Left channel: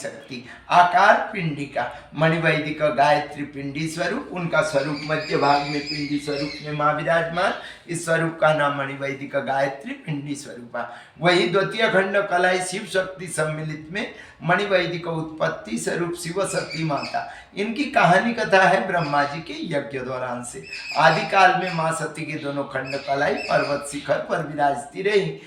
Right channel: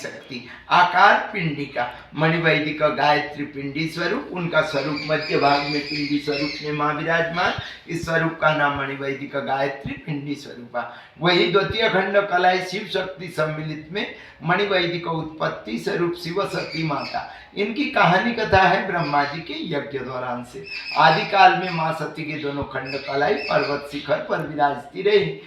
आदिशक्ति। आकार पिंडिका, मणिवैदिक गायत्री पिंडी स्वरूप, उनका स्वरूप मध्य भाग में पिंडी स्वरूप में माँ विराजमान। इस स्वरूप का नाम मणिवैदिक गायत्री पिंडी स्वरूप। वही द्वितीय खंड कलाई शिव शक्ति सम्मिलित में मणिवैदिक उत्पत्ति स्वरूप शिव सती माता। इनकी कहानी कथा है ब्रह्मा जी के यज्ञ दौरान से। आदिकाल में माँ सती के दोनों खंड कलाई पर्वत शिखर पर विराजती रही।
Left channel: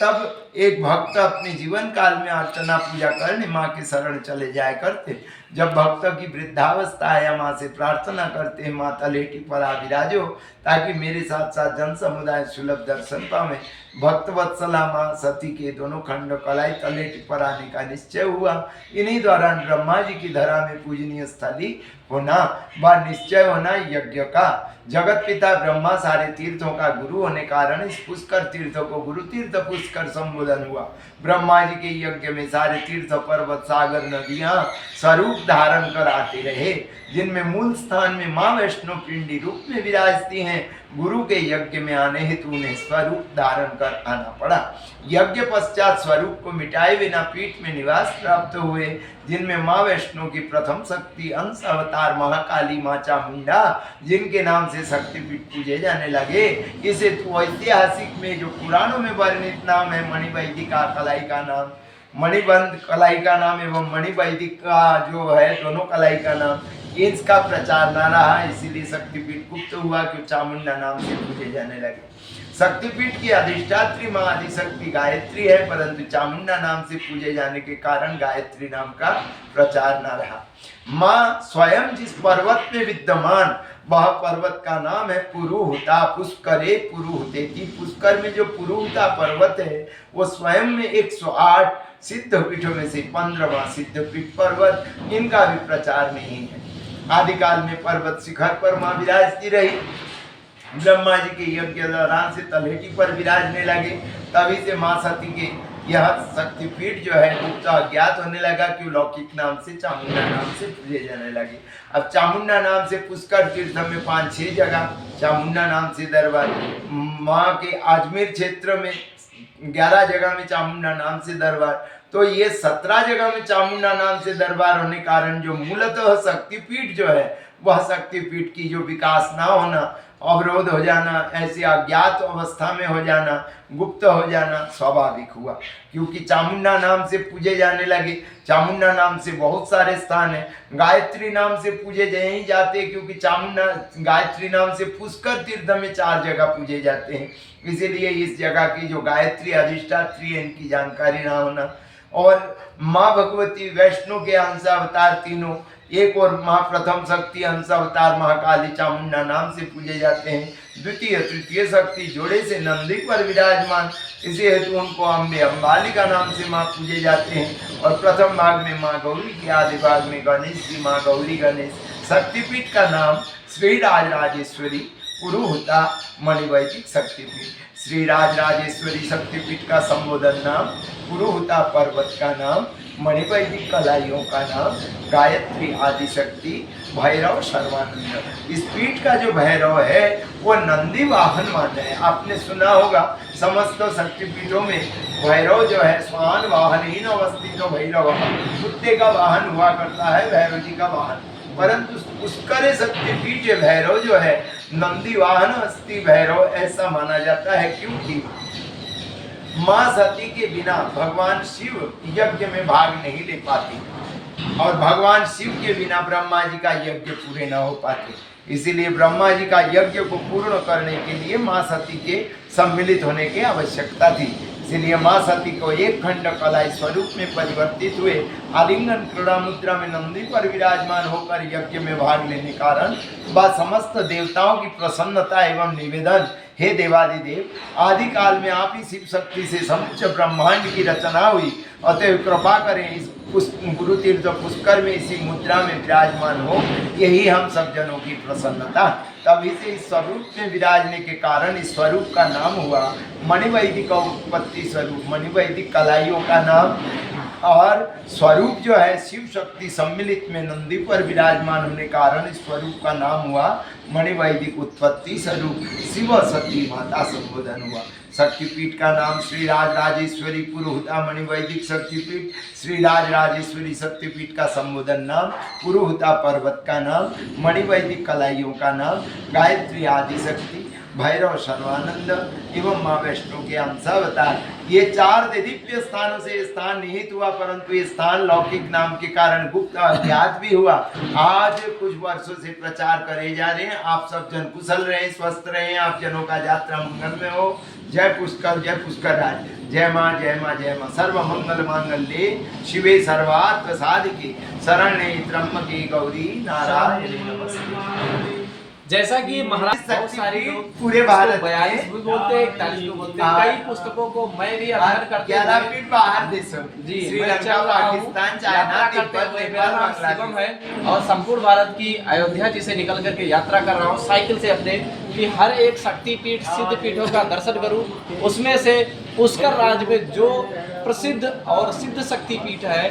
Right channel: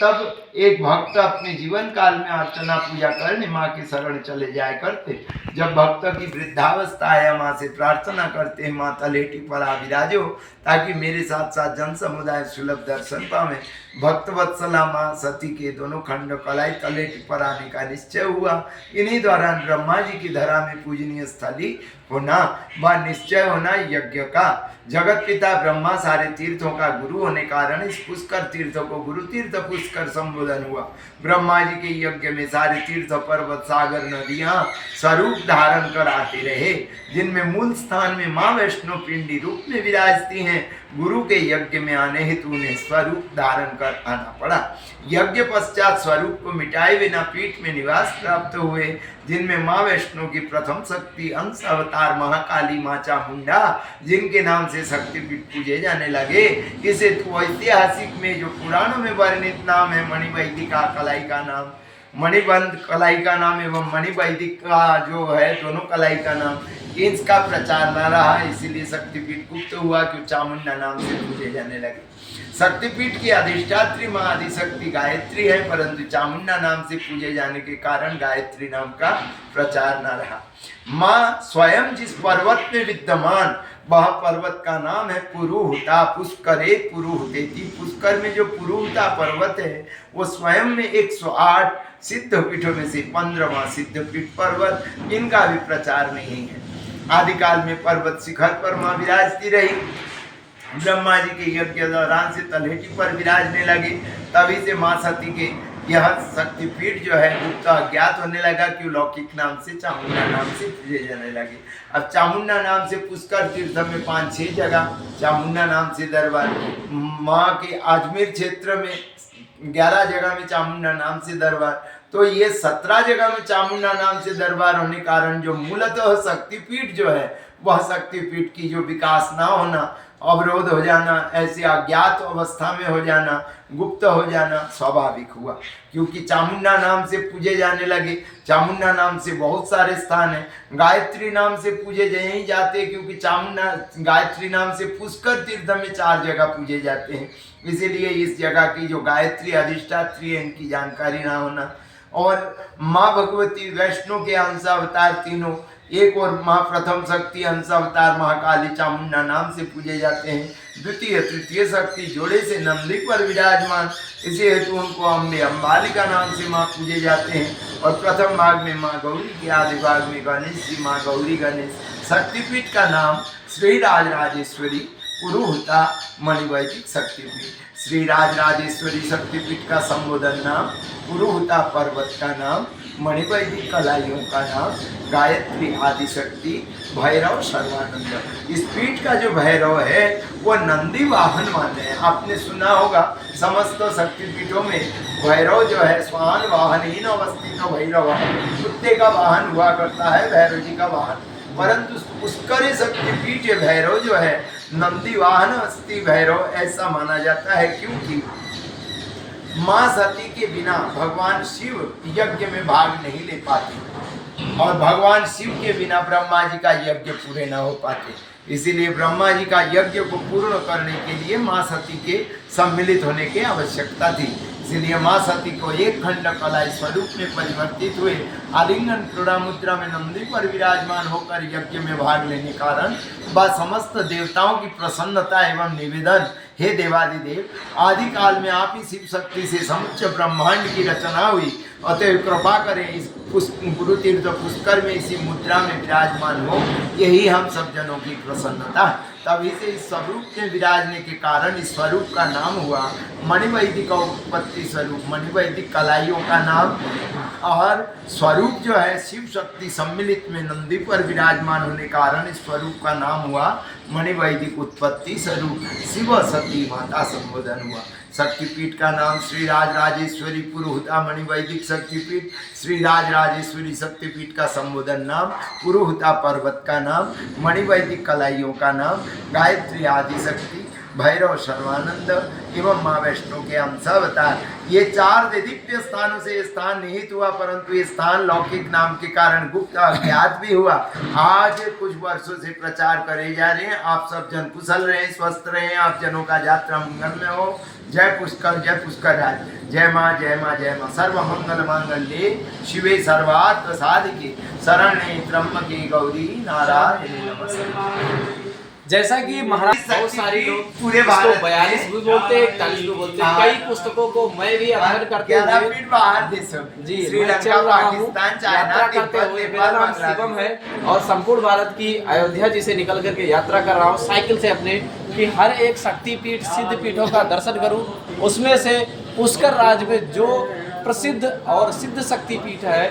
तब एक भक्त अपने जीवन काल में अर्चना पूजा करने माँ के शरण चले जाया करते। जब भक्त की वृद्धावस्था आया, माँ से प्रार्थना करते हैं, माँ तलेटी पर आ विराजो ताकि मेरे साथ साथ जन समुदाय सुलभ दर्शन पावे। भक्त वत्सला माँ सती के दोनों खंड कलाई तलेटी पर आने का निश्चय हुआ। इन्हीं दौरान ब्रह्मा जी की धरा में पूजनीय स्थली होना व निश्चय होना यज्ञ का। जगत पिता ब्रह्मा सारे तीर्थों का गुरु होने कारण इस पुष्कर तीर्थ को गुरु तीर्थ पुष्कर संबोधन हुआ। ब्रह्मा जी के यज्ञ में सारे तीर्थ पर्वत सागर नदियां स्वरूप धारण कर आते रहे, जिनमें मूल स्थान में माँ वैष्णो पिंडी रूप में विराजती हैं। गुरु के यज्ञ में आने हेतु उन्हें स्वरूप धारण कर आना पड़ा। यज्ञ पश्चात स्वरूप को मिटाए बिना पीठ में निवास प्राप्त हुए, जिनमें माँ वैष्णो की प्रथम शक्ति अंश अवतार महाकाली माँ चामुंडा, जिनके नाम से शक्तिपीठ पूजे जाने लगे। इसे तो ऐतिहासिक में जो पुराणों में वर्णित नाम है मणिवैदिका कलाई का नाम, मणिबंध कलाई का नाम एवं मणिवैदिक का जो है दोनों कलाई का नाम, इसका प्रचार न रहा, इसीलिए शक्तिपीठ गुप्त हुआ कि चामुंडा नाम से पूजे जाने लगे। शक्तिपीठ की अधिष्ठात्री माँ आदिशक्ति गायत्री है, परंतु चामुंडा नाम से पूजे जाने के कारण गायत्री नाम का प्रचार न रहा। माँ स्वयं जिस पर्वत में विद्यमान, वह पर्वत का नाम है पुरुहुता। पुष्करे पुरुहुतेति। पुष्कर में जो पुरुहुता पर्वत है वो स्वयं में 108 सिद्ध पीठों में से 15वां सिद्ध पीठ पर्वत, इनका भी प्रचार नहीं है। आदिकाल में पर्वत शिखर पर माँ विराजती रही। ब्रह्मा जी के यज्ञ दौरान से तलहेटी पर विराजने लगे। तभी से माँ सती के यह शक्तिपीठ जो है गुप्त अज्ञात होने लगा, क्यों लौकिक नाम से चामुंडा नाम से पूजे जाने लगे। अब चामुंडा नाम से पुष्कर तीर्थ में 5-6 जगह चामुंडा नाम से दरबार, माँ के अजमेर क्षेत्र में 11 जगह में चामुंडा नाम से दरबार, तो ये 17 जगह में चामुंडा नाम से दरबार होने कारण जो मूलतः शक्तिपीठ जो है वह शक्तिपीठ की जो विकास ना होना, अवरोध हो जाना, ऐसी अज्ञात अवस्था में हो जाना, गुप्त हो जाना स्वाभाविक हुआ, क्योंकि चामुंडा नाम से पूजे जाने लगे। चामुंडा नाम से बहुत सारे स्थान हैं। गायत्री नाम से पूजे यहीं जाते, क्योंकि चामुंडा गायत्री नाम से पुष्कर तीर्थ में 4 जगह पूजे जाते हैं, इसीलिए इस जगह की जो गायत्री अधिष्ठात्री है इनकी जानकारी ना होना। और माँ भगवती वैष्णो के अंश अवतार तीनों, एक और माँ प्रथम शक्ति अंश अवतार महाकाली चामुंडा नाम से पूजे जाते हैं। द्वितीय तृतीय शक्ति जोड़े से नंदी पर विराजमान, इसी हेतु उनको अम्बे अम्बालिका नाम से माँ पूजे जाते हैं। और प्रथम भाग में माँ गौरी के, आदि भाग में गणेश जी माँ गौरी गणेश। शक्तिपीठ का नाम श्री राजराजेश्वरी पुरुहुता मणिवैदिक शक्तिपीठ। श्री राजराजेश्वरी शक्तिपीठ का संबोधन नाम, पुरुहुता पर्वत का नाम, मणिवैदिक कलाइयों का नाम गायत्री आदिशक्ति, भैरव सर्वानंद। इस पीठ का जो भैरव है वो नंदी वाहन मान्य है। आपने सुना होगा समस्त शक्तिपीठों में भैरव जो है स्वान वाहन अवस्थित तो भैरव कुत्ते का वाहन हुआ करता है, भैरव जी का वाहन, परंतु पुष्कर शक्तिपीठ भैरव जो है नंदी वाहन अस्थि भैरव ऐसा माना जाता है, क्योंकि माँ सती के बिना भगवान शिव यज्ञ में भाग नहीं ले पाते और भगवान शिव के बिना ब्रह्मा जी का यज्ञ पूरे न हो पाते। इसीलिए ब्रह्मा जी का यज्ञ को पूर्ण करने के लिए माँ सती के सम्मिलित होने की आवश्यकता थी। इसलिए माँ सती को एक खंड कलाई स्वरूप में परिवर्तित हुए आलिंगन क्रीड़ा मुद्रा में नंदी पर विराजमान होकर यज्ञ में भाग लेने कारण व समस्त देवताओं की प्रसन्नता एवं निवेदन, हे देवादिदेव, आदि काल में आप ही शिव शक्ति से समुच्च ब्रह्मांड की रचना हुई, अतः कृपा करें इस गुरु तीर्थ पुष्कर में इसी मुद्रा में विराजमान हो, यही हम सब जनों की प्रसन्नता। तभी से इस स्वरूप में विराजने के कारण इस स्वरूप का नाम हुआ मणिवैदिक उत्पत्ति स्वरूप। मणिवैदिक कलाइयों का नाम और स्वरूप जो है शिव शक्ति सम्मिलित में नंदी पर विराजमान होने कारण इस स्वरूप का नाम हुआ मणिवैदिक उत्पत्ति स्वरूप शिव सती माता संबोधन हुआ। शक्तिपीठ का नाम श्री राज राजेश्वरी पुरोहिता मणिवैदिक शक्तिपीठ, श्री राज राजेश्वरी शक्तिपीठ का संबोधन नाम, पुरोहिता पर्वत का नाम, मणिवैदिक कलाइयों का नाम, गायत्री आदि शक्ति, भैरव सर्वानंद एवं माँ वैष्णो के अंशावतार। ये 4 दिव्य स्थानों से स्थान निहित हुआ, परंतु ये स्थान लौकिक नाम के कारण गुप्त अज्ञात भी हुआ। आज कुछ वर्षों से प्रचार करे जा रहे हैं। आप सब जन कुशल रहें, स्वस्थ रहें, आप जनों का यात्रा मंगल में हो। जय पुष्कर राज, जय माँ जय माँ जय माँ। सर्व मंगल मांगल्ये शिवे सर्वार्थ साधिके शरण्ये त्र्यंबके गौरी नारायणी नमस्ते। जैसा कि महाराज बहुत सारे लोग पूरे भारत 42 भी बोलते हैं, 41 भी बोलते हैं। कई पुस्तकों को मैं भी अध्ययन करते हुए बाहर देशों में जी श्रीलंका, पाकिस्तान, चाइना, तिब्बत, नेपाल, शिवम है और संपूर्ण भारत की अयोध्या जी से निकल करके यात्रा कर रहा हूँ साइकिल से अपने, कि हर एक शक्तिपीठ सिद्ध पीठों का दर्शन करूँ। उसमें से पुष्कर राज में जो प्रसिद्ध और सिद्ध शक्तिपीठ है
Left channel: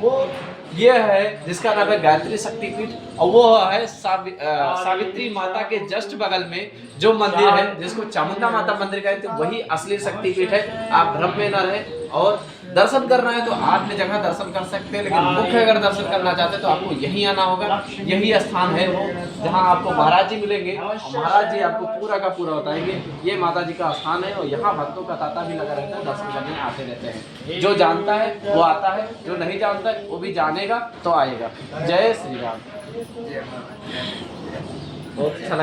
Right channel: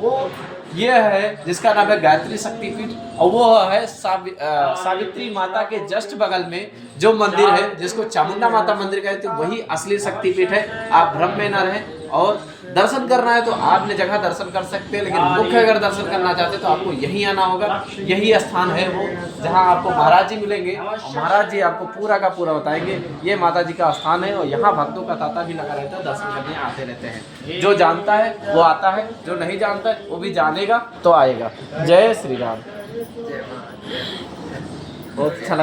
वो ये है, जिसका नाम है गायत्री शक्तिपीठ, और वो है सावित्री माता के जस्ट बगल में जो मंदिर है जिसको चामुंडा माता मंदिर कहते हैं, वही असली शक्तिपीठ है। आप भ्रम में न रहें, और दर्शन करना है तो आपने जगह दर्शन कर सकते हैं, लेकिन मुख्य अगर दर्शन करना चाहते हैं तो आपको यहीं आना होगा। यही स्थान है वो जहां आपको महाराज जी मिलेंगे और महाराज जी आपको पूरा का पूरा बताएंगे। ये माता जी का स्थान है और यहाँ भक्तों का तांता भी लगा रहता है, दर्शन करने आते रहते हैं। जो जानता है वो आता है, जो नहीं जानता है वो भी जानेगा तो आएगा। जय श्री राम। बहुत अच्छा लगा।